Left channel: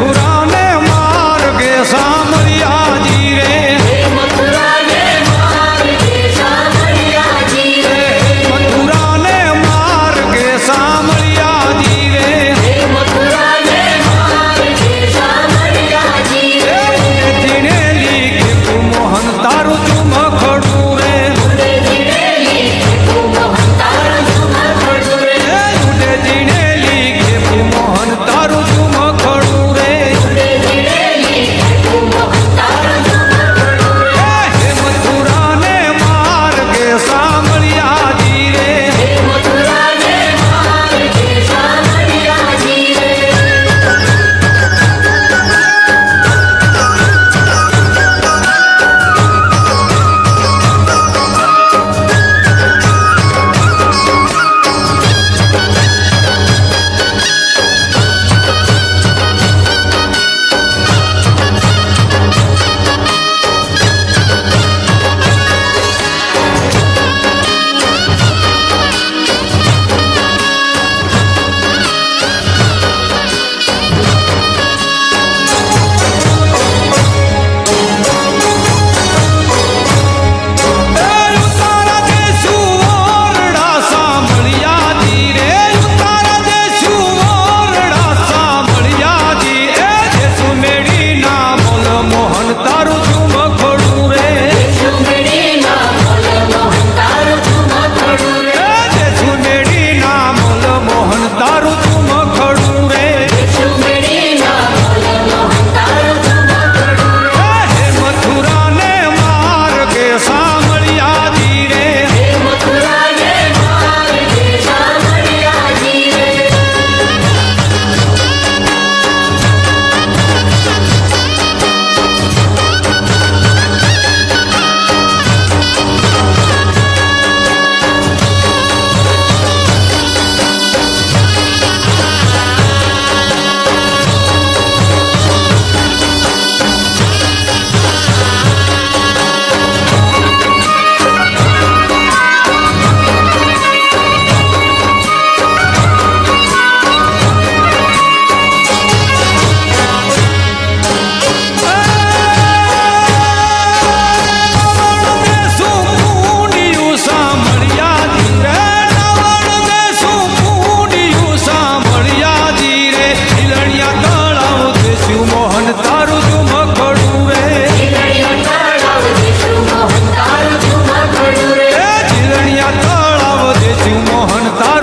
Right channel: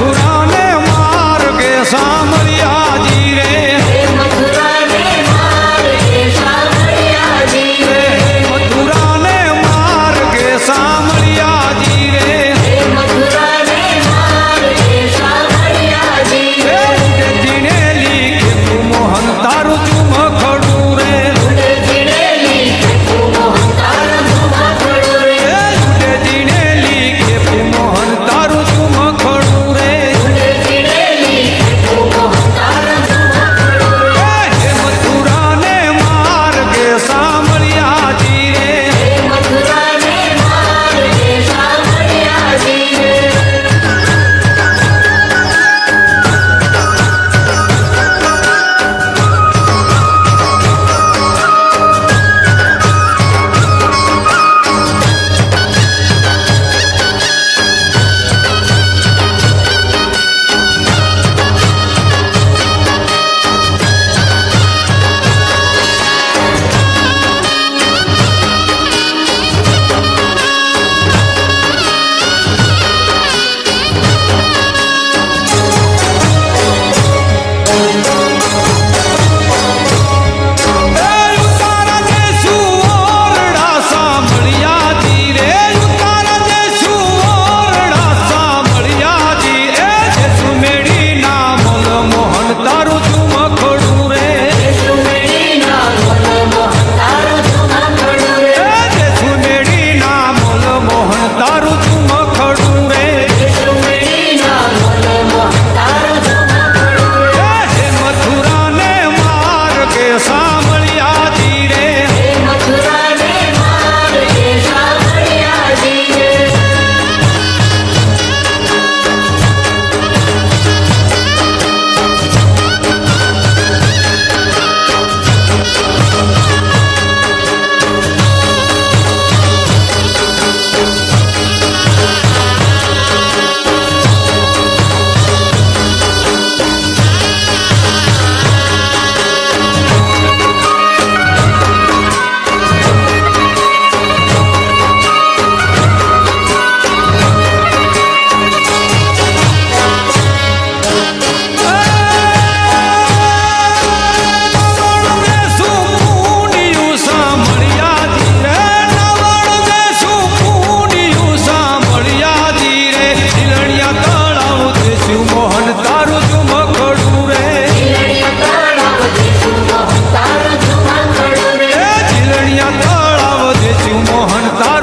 મથુરાને માર્ગે સાંભળ્યાજી રે મથુરાને માર્ગે સાંભળ્યાજી રે ઉડે જીણેલી કે મોહન તારું ચુમ ખડું રે ઉડે જીણેલી કે મોહન તારું ચુમ ખડું રે મથુરાને માર્ગે સાંભળ્યાજી રે મોહન તારું ચુમ ખડું રે સુમેડી ના મોલ મોહન તારું ચુમ ખડું રે મથુરાને માર્ગે સાંભળ્યાજી રે મોહન તારું ચુમ ખડું રે જીલણિયા તળાવ દેશું મોહન તારું